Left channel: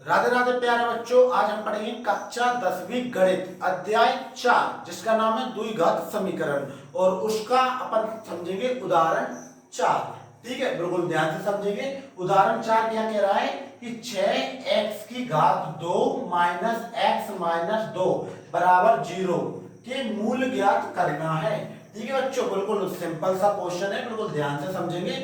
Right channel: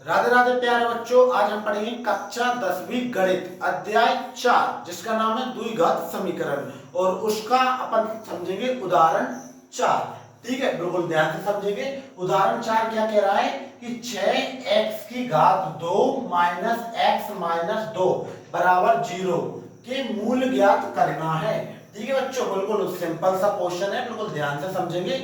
राधे राधे प्यारे बच्चों, आज हम पढ़ेंगे कक्षा 10वीं गणित अध्याय 4 जिसका नाम है द्विघात समीकरण और उसका अपन समझेंगे उदाहरण 4। ठीक है, बिल्कुल ध्यान से समझेंगे। उदाहरण 4 क्या कह रहा है कि 6x की घात 2 माइनस x माइनस 2 बराबर 0 के मूल ज्ञात करना है। ठीक है बच्चों, बिल्कुल सिंपल सा क्वेश्चन है, बिल्कुल ध्यान से समझेंगे,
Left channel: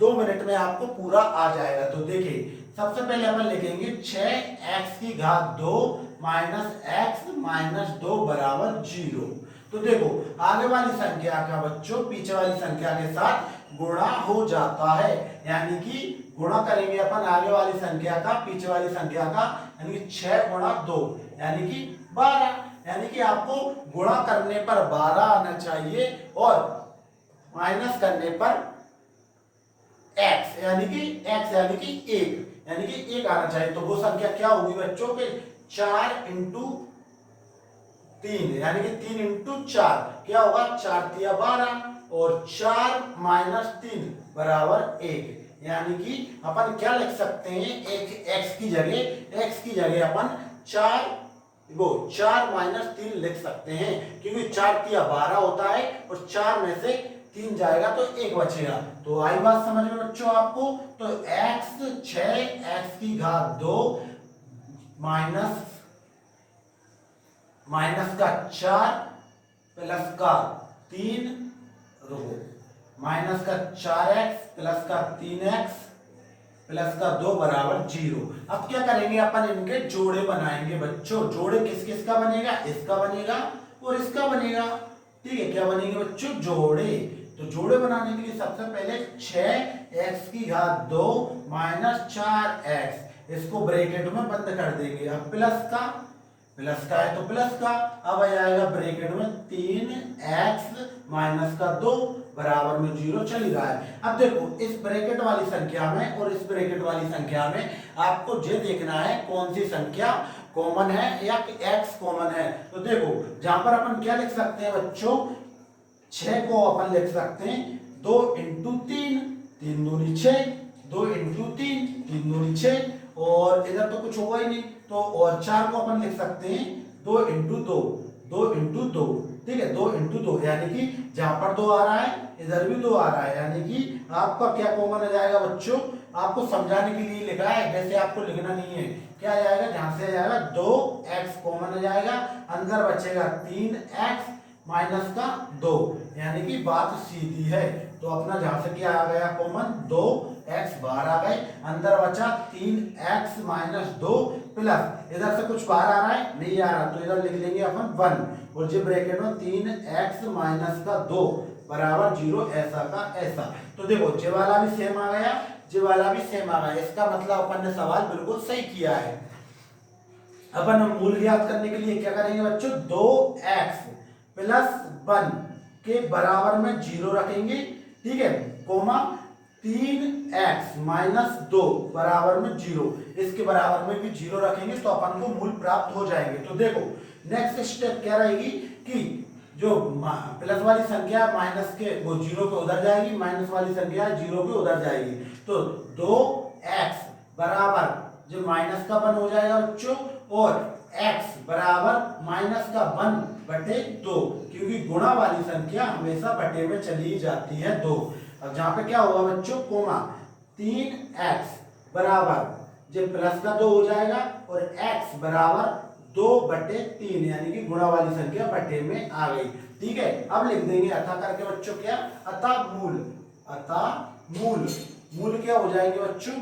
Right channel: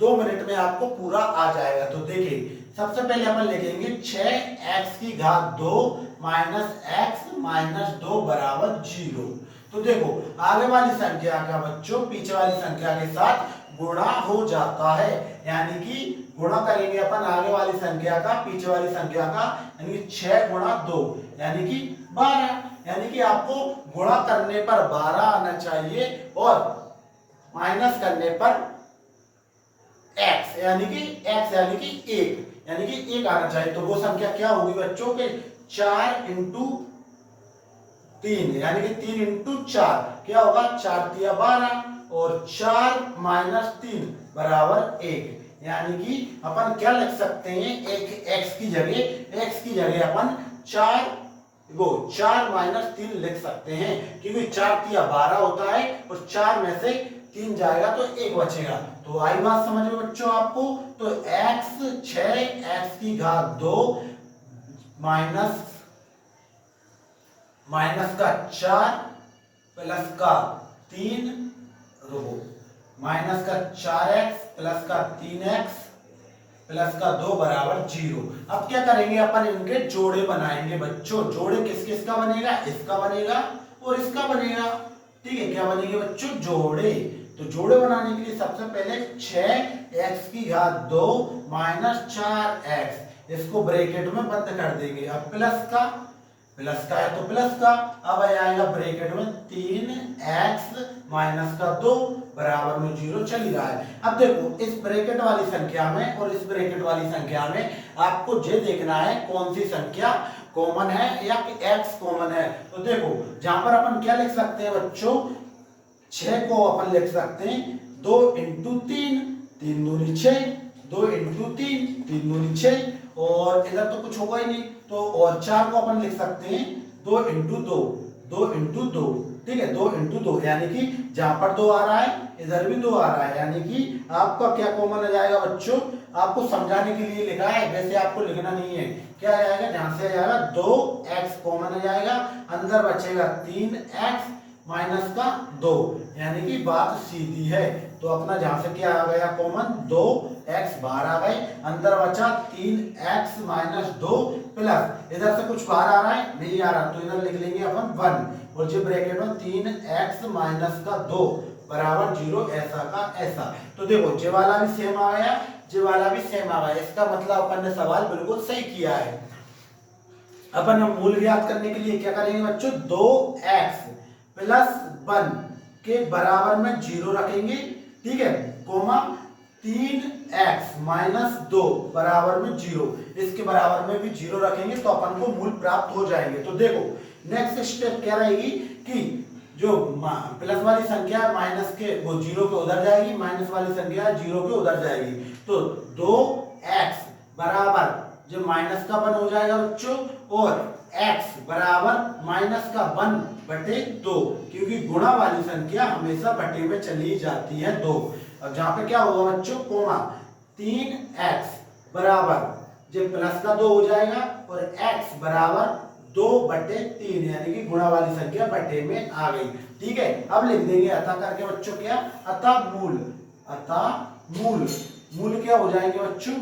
2 मिनट में आपको पूरा आ जाएगा। तो देखिए, सबसे पहले अपन लिखेंगे 6x की घात 2 माइनस x माइनस 2 बराबर 0। तो देखो, आगे वाली संख्या का बच्चों पीछे वाली संख्या के साथ गुणा हो जाता है, यानी कि गुणा करेंगे अपन आगे वाली संख्या का पीछे वाली संख्या का, यानी कि 6 गुणा 2 यानी कि 12। यानी कि आपको गुणा करने पर 12 आना चाहिए और माइनस करने पर x यानी कि 1 यानी कि 1 आना चाहिए। तो वो संख्या क्या होगी बच्चों के 4 इंटू 3 यानी कि 3 इंटू 4 क्या होगा, 4 तिया 12 और 4 माइनस 3 बराबर 1। यानी कि अपन क्या लिख सकते हैं, एक x की जगह अपन 4 माइनस 3 लिख सकते हैं, क्योंकि 4 तिया 12 होता है और 4 में से 3 जाएगा तो 1 बचेगा। तो आई बात समझ में बच्चों आपको। तो x 6x की घात 2 माइनस का 4 प्लस का 3 माइनस का 4x प्लस का 3x प्लस का 2 बराबर 0। अब क्या करेंगे अपन, इनके जोड़े बनाएंगे बच्चों। जोड़े किस किस का बनेगा, इसका बनेगा और इसका बनेगा। ठीक है, क्या बनेंगे बच्चों, जोड़े। तो जोड़े बनाने के लिए सबसे पहले 6x की घात 2 माइनस 4x इसको ब्रैकेट में बंद कर देंगे। अब प्लस का है तो प्लस का, अब आ जाएगा ब्रैकेट में 3x माइनस का 2 बराबर में 0 चल रहा है। अब देखो, इस ब्रैकेट वाली संख्या में और इस ब्रैकेट वाली संख्या में आपको ये देखना है कौन सी संख्या कॉमन है या x कॉमन है। तो देखो, जहां पर अपन क्या लिख सकते हैं बच्चों, 6 को अपन लिख सकते हैं 2 इंटू 3, 3 दूनी 6, 2 इंटू 3, 3 दूनी 6 और इधर तो कुछ होगा ही नहीं, तो और 4 को अपन लिख सकते हैं 2 इंटू 2, 2 इंटू 2। ठीक है, 2 इंटू 2 यानी कि जहां पर 2 आ रहा है इधर भी 2 आ रहा है, यानी कि आपका क्या कॉमन आ जाएगा बच्चों, आपको समझाने के लिए लिखा है, वैसे आपको लिखना नहीं है। क्या आ जाएगा, जहां से आ जाएगा 2x कॉमन आ जाएगा, अंदर बचेगा 3x माइनस का 2, यानी कि बात सीधी है। तो अपना जहां से क्या आ गया कॉमन, 2x बाहर आ गए, अंदर बचा 3x माइनस 2 प्लस इधर से कुछ बाहर आ रहा है, नहीं आ रहा, तो इधर लिख लेंगे अपन 1 और जो ब्रैकेट में 3x माइनस का 2 बराबर 0 ऐसा का ऐसा। तो देखो, जे वाला भी सेम आ गया, जे वाला भी सेम आ गया, इसका मतलब अपन ने सवाल बिल्कुल सही किया है। अपन मूल ज्ञात करने के लिए क्या करेंगे बच्चों, 2x प्लस 1 के बराबर में 0 रखेंगे। ठीक है, कोमा 3x माइनस 2 बराबर में 0, इसके बराबर में भी 0 रखेंगे तो अपन को मूल प्राप्त हो जाएंगे। तो देखो, नेक्स्ट स्टेप क्या रहेगी कि जो प्लस वाली संख्या माइनस के वो 0 पे उधर जाएगी, माइनस वाली संख्या 0 पे उधर जाएगी। तो 2x बराबर जो माइनस का 1 हो जाएगा बच्चों और x बराबर माइनस का 1 बटे 2, क्योंकि गुणा वाली संख्या हमेशा बटे में चली जाती है 2। अब जहां पे क्या होगा बच्चों, कोमा 3x बराबर जो प्लस का 2 हो जाएगा और x बराबर 2 बटे 3, यानी कि गुणा वाली संख्या बटे में आ गई। ठीक है, अब लिख देंगे अतः करके बच्चों क्या, अतः मूल मूल क्या हो जाएंगे बच्चों,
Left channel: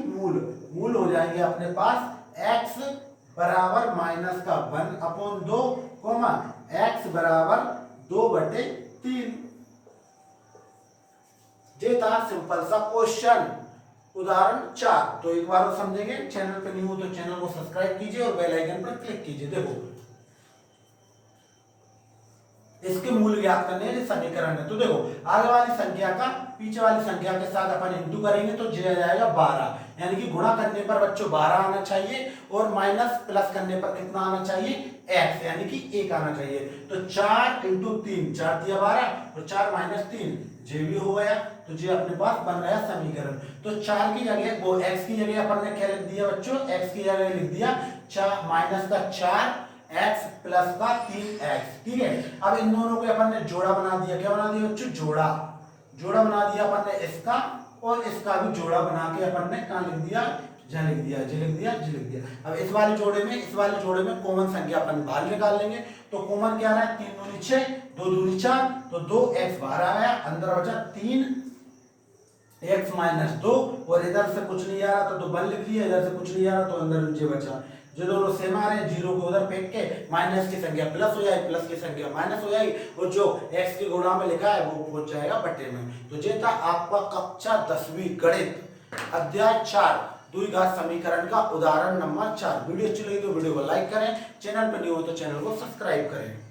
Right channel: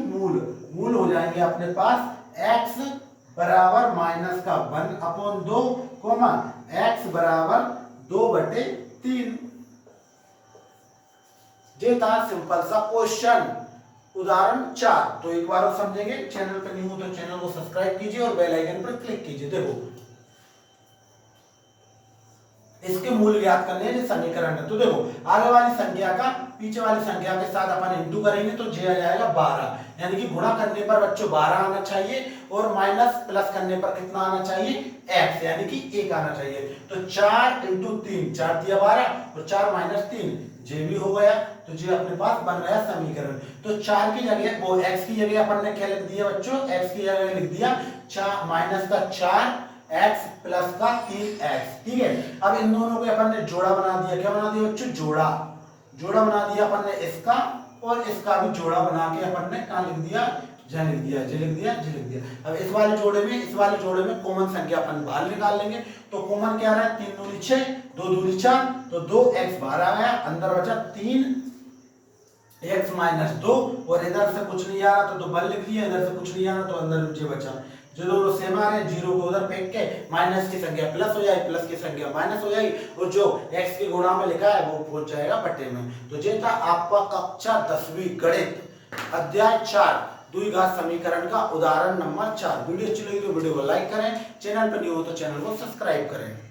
मूल हो जाएंगे अपने पास x बराबर माइनस का 1 अपॉन 2 कोमा x बराबर 2 बटे 3। ये था सिंपल सा क्वेश्चन उदाहरण 4। तो एक बार और समझेंगे, चैनल पर नहीं हो तो चैनल को सब्सक्राइब कीजिए और बेल आइकन पर क्लिक कीजिए। देखो, इसके मूल ज्ञात करने हैं, समीकरण है। तो देखो, आगे वाली संख्या का पीछे वाली संख्या के साथ अपन इंटू करेंगे तो जे आ जाएगा 12, यानी कि गुणा करने पर बच्चों 12 आना चाहिए और माइनस प्लस करने पर कितना आना चाहिए, x यानी कि 1 आना चाहिए। तो 4 इंटू 3, 4 दिया 12 और 4 माइनस 3 जे भी हो गया। तो ये अपने पास बन रहा है समीकरण। तो 4 की जगह वो x की जगह अपन ने क्या लिख दिया बच्चों, x की जगह लिख दिया माइनस का 4x प्लस का 3x। ठीक है, अब इन दोनों को अपन ने जोड़ा बना दिया। क्या बना दिया बच्चों, जोड़ा। जोड़ा बना दिया अपन ने इसका और इसका भी जोड़ा बना के अपन ने कहां लिख दिया, जहां लिख दिया, जे लिख दिया, जे लिख दिया। अब इस वाले जोड़े में कॉमन संख्या अपन बाहर निकाल लेंगे। तो कॉमन क्या आ रहा है, 3 दूनी 6, 2 दूनी 4, तो 2x बाहर आ गया, अंदर बचा 3x माइनस 2, और इधर से कुछ नहीं आ रहा तो 1 लिख दिया, इधर से कुछ नहीं आ रहा तो अंदर नीचे बचा। जो दोनों सेम आ रहे हैं, जीरो को उधर फेंक के माइनस की संख्या प्लस हो जाएगी, प्लस की संख्या माइनस हो जाएगी, और जो x के गुणा में लिखा है वो पहुंच जाएगा बटे में। तो ये था आपका कक्षा 10वीं गणित अध्याय 4 द्विघात समीकरण का उदाहरण नंबर 4। वीडियो अच्छी लगी तो वीडियो को लाइक करें, चैनल पर न्यू हो तो चैनल को सब्सक्राइब करें।